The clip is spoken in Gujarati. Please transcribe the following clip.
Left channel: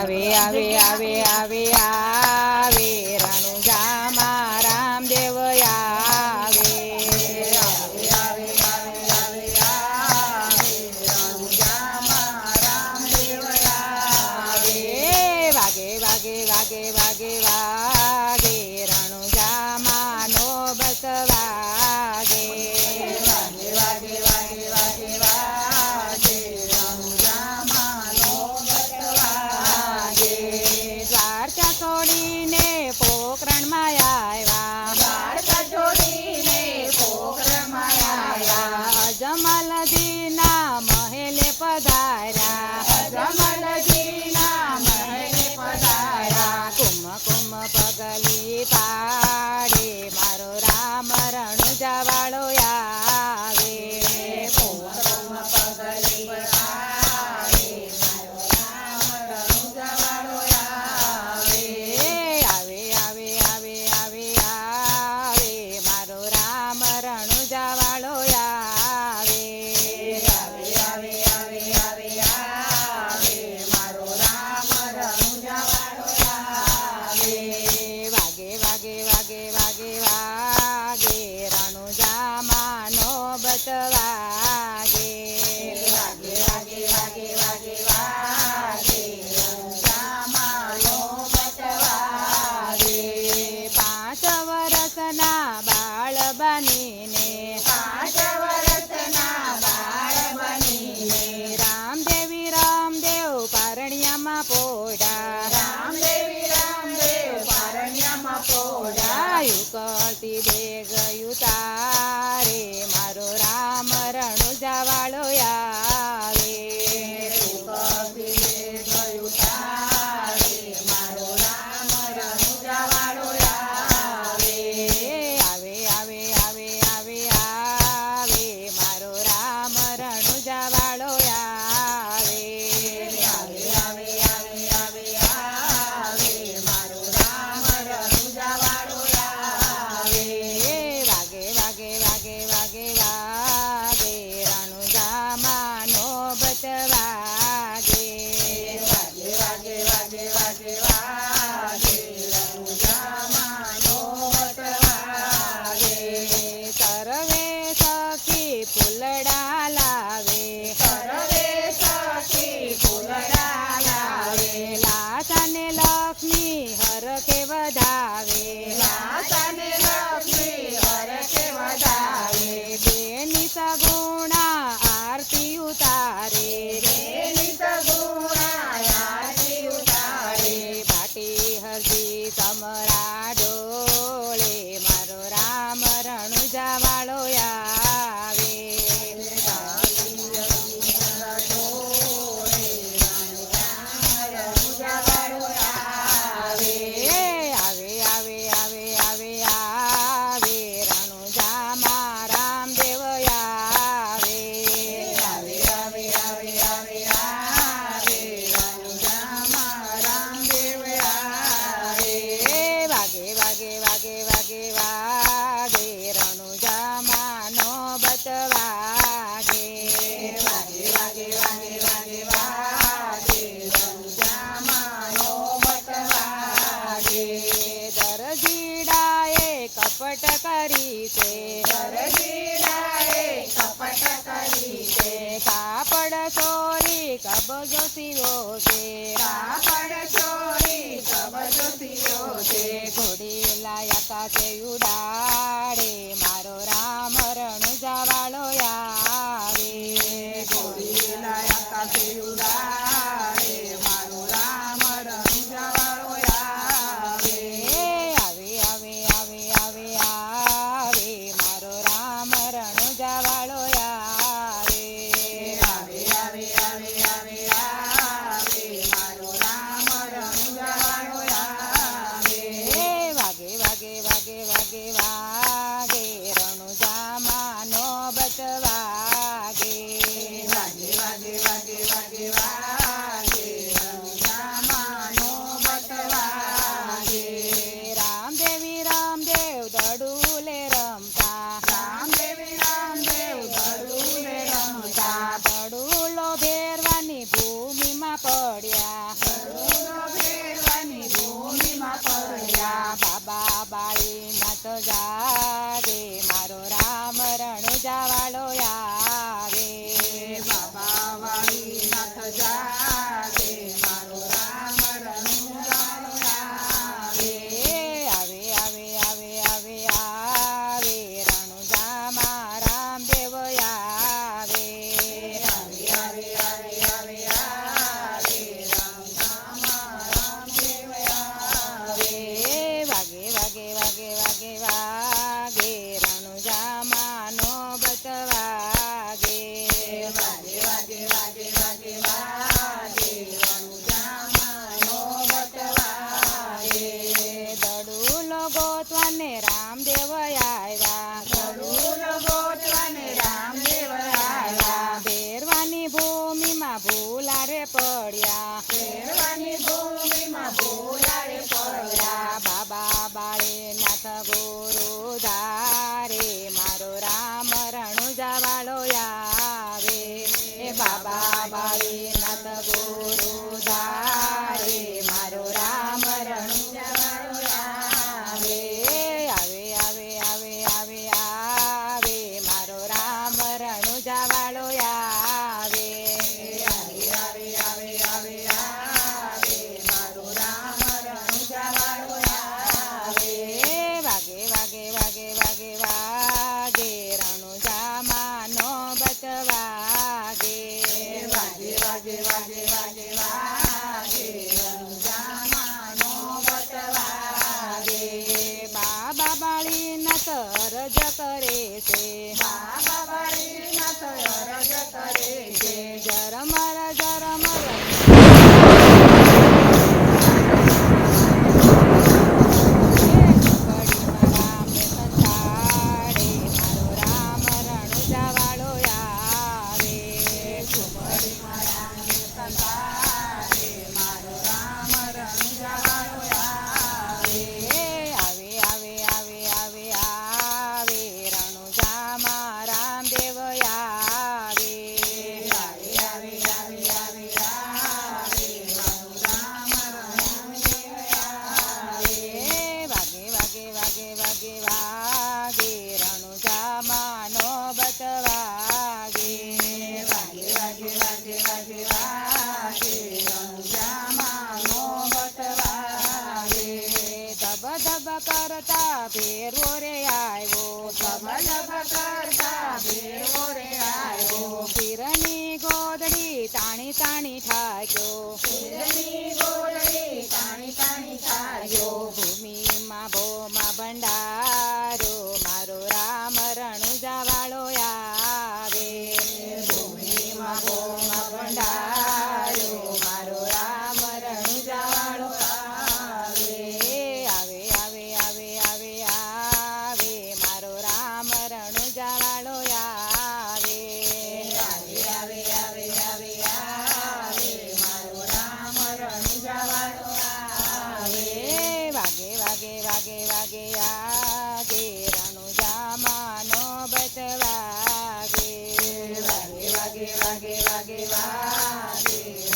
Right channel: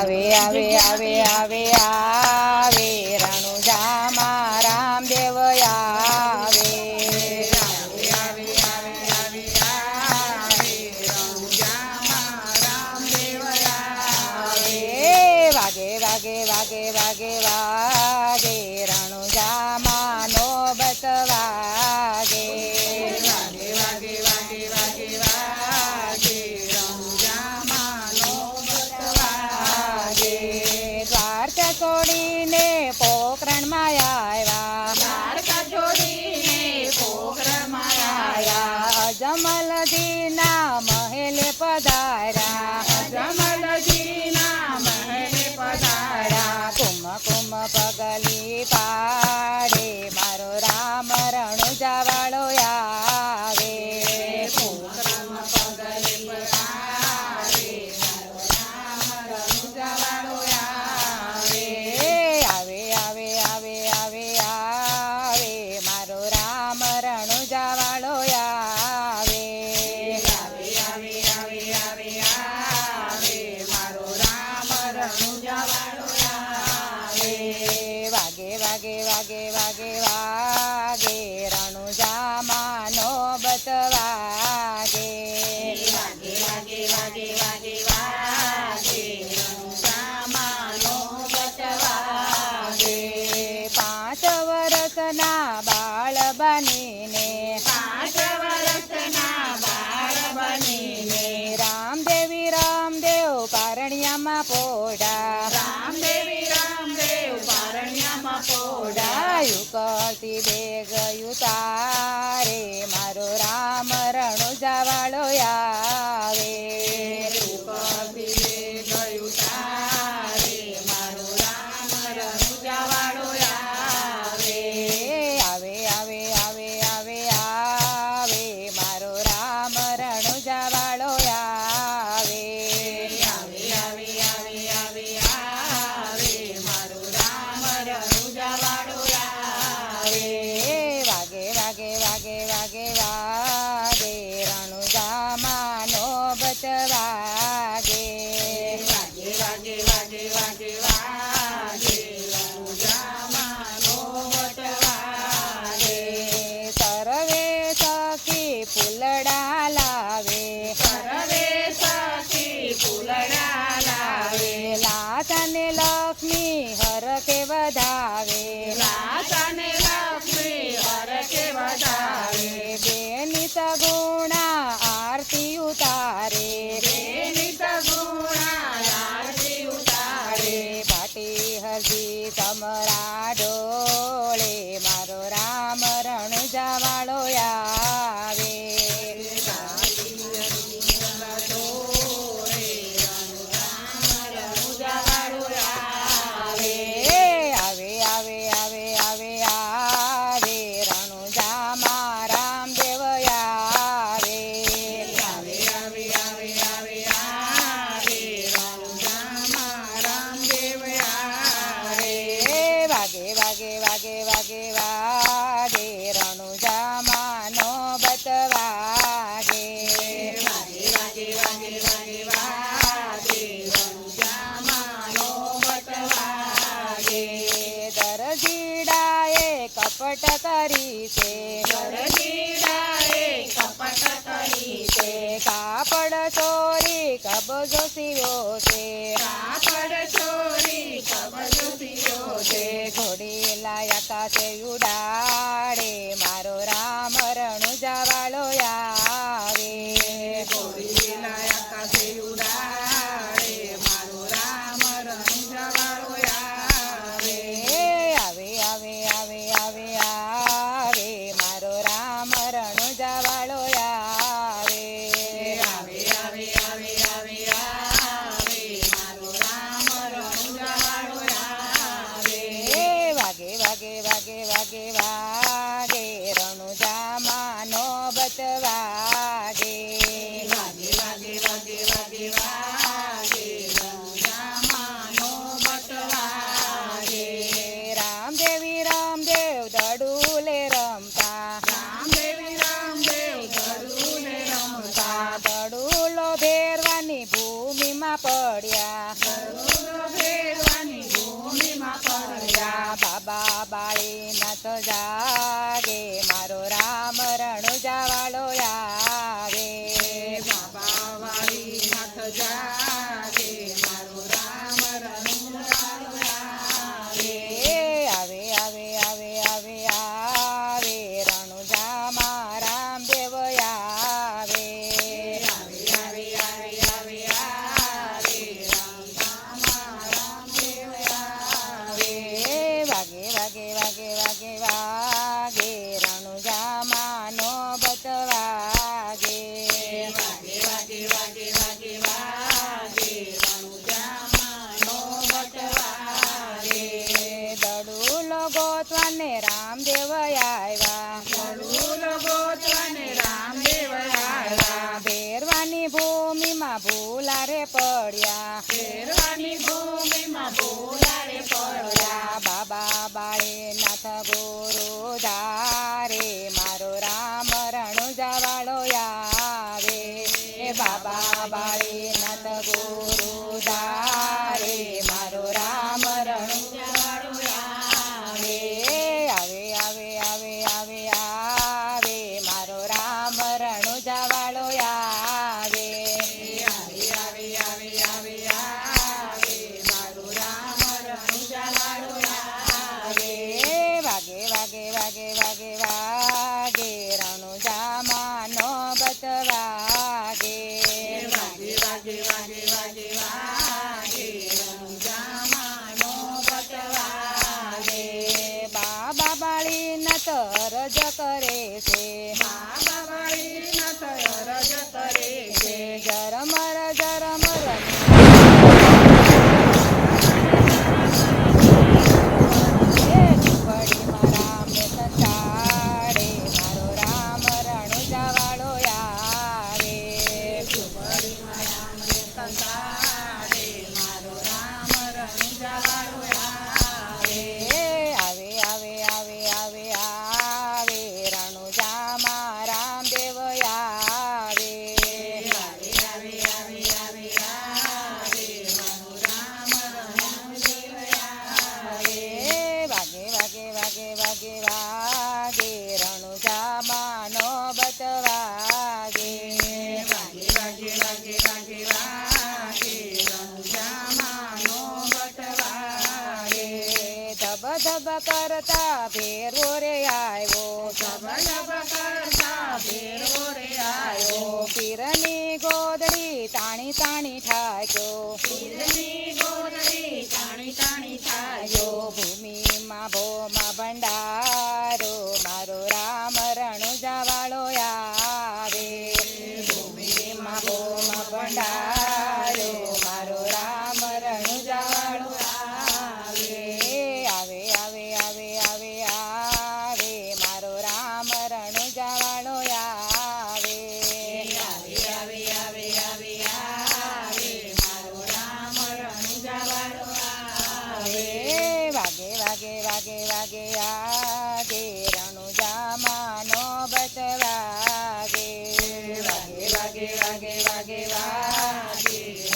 આવે આવે આવે આવે આવે રણુજામાં રામદેવ આવે આવે આવે આવે આવે આવે રણુજામાં રામદેવ આવે વાગે વાગે વાગે વાગે વાગે રણુજામાં નોબત વાગે વાગે વાગે વાગે વાગે વાગે રણુજામાં નોબત વાગે દ્વારકા છોડીને પોખરણમાં આવ્યા દ્વારકા છોડીને પોખરણમાં આવ્યા અજમલજીના મહેલે પધાર્યા અજમલજીના મહેલે પધાર્યા કુમ કુમ પગલી પાડે મારો રામ રણુજાવાળો આવે કુમ કુમ પગલી પાડે મારો રામ રણુજાવાળો આવે આવે આવે આવે આવે આવે મારો રામ રણુજાવાળો આવે આવે આવે આવે આવે આવે મારો રામ રણુજાવાળો આવે વાગે વાગે વાગે વાગે વાગે રણુજામાં નોબત વાગે વાગે વાગે વાગે વાગે વાગે રણુજામાં નોબત વાગે 5 વર્ષના બાળ બનીને 5 વર્ષના બાળ બનીને રામદેવી રામદેવ પારણિયામાં પોડા રામદેવી રામદેવ પારણિયામાં પોડા યુકતી બે ગયું તારે મારો રામ રણુજાવાળો આવે યુકતી બે ગયું તારે મારો રામ રણુજાવાળો આવે આવે આવે આવે આવે આવે મારો રામ રણુજાવાળો આવે આવે આવે આવે આવે આવે મારો રામ રણુજાવાળો આવે વાગે વાગે વાગે વાગે વાગે રણુજામાં નોબત વાગે વાગે વાગે વાગે વાગે વાગે રણુજામાં નોબત વાગે સર્વે સખી ફૂલડા લાવે સર્વે સખી ફૂલડા લાવે લાસાને લક્ષ્મી હરખે વધાવે લાસાને લક્ષ્મી હરખે વધાવે બેની સગુણા આરતી ઉતારે બેની સગુણા આરતી ઉતારે ભાટી હરજી સમરા ડોળે મારો રામ રણુજાવાળો આવે ભાટી હરજી સમરા ડોળે મારો રામ રણુજાવાળો આવે આવે આવે આવે આવે આવે રણુજામાં રામદેવ આવે આવે આવે આવે આવે આવે રણુજામાં રામદેવ આવે વાગે વાગે વાગે વાગે વાગે રણુજામાં નોબત વાગે વાગે વાગે વાગે વાગે વાગે રણુજામાં નોબત વાગે દરજીડાએ કપટ કરી છે દરજીડાએ કપટ કરી છે કાપડ ચોરી કબજો સીવ્યો છે કાપડ ચોરી કબજો સીવ્યો છે ઘોડી લાયા કાશે ઉડાડે મારો રામ રણુજાવાળો આવે ઘોડી લાયા કાશે ઉડાડે મારો રામ રણુજાવાળો આવે આવે આવે આવે આવે આવે મારો રામ રણુજાવાળો આવે આવે આવે આવે આવે આવે મારો રામ રણુજાવાળો આવે વાગે વાગે વાગે વાગે લબ કરતા ભેરવો રે આવ્યો લબ કરતા ભેરવો રે આવ્યો પીરની ગોદડી તાણી તાણી ઠાક્યો પીરની ગોદડી તાણી તાણી યો થાયો ભૂમિમાં ભોમાં ભંડારો મારો રામ રણુજા વાળો આવે ભૂમિમાં ભોમાં ભંડારો મારો રામ રણુજા વાળો આવે આવે આવે આવે આવે આવે મારો રામ રણુજા વાળો આવે આવે આવે આવે આવે આવે મારો રામ રણુજા વાળો આવે વાગે વાગે વાગે વાગે આગે રણુજામાનો બચવાગે વાગે વાગે વાગે વાગે વાગે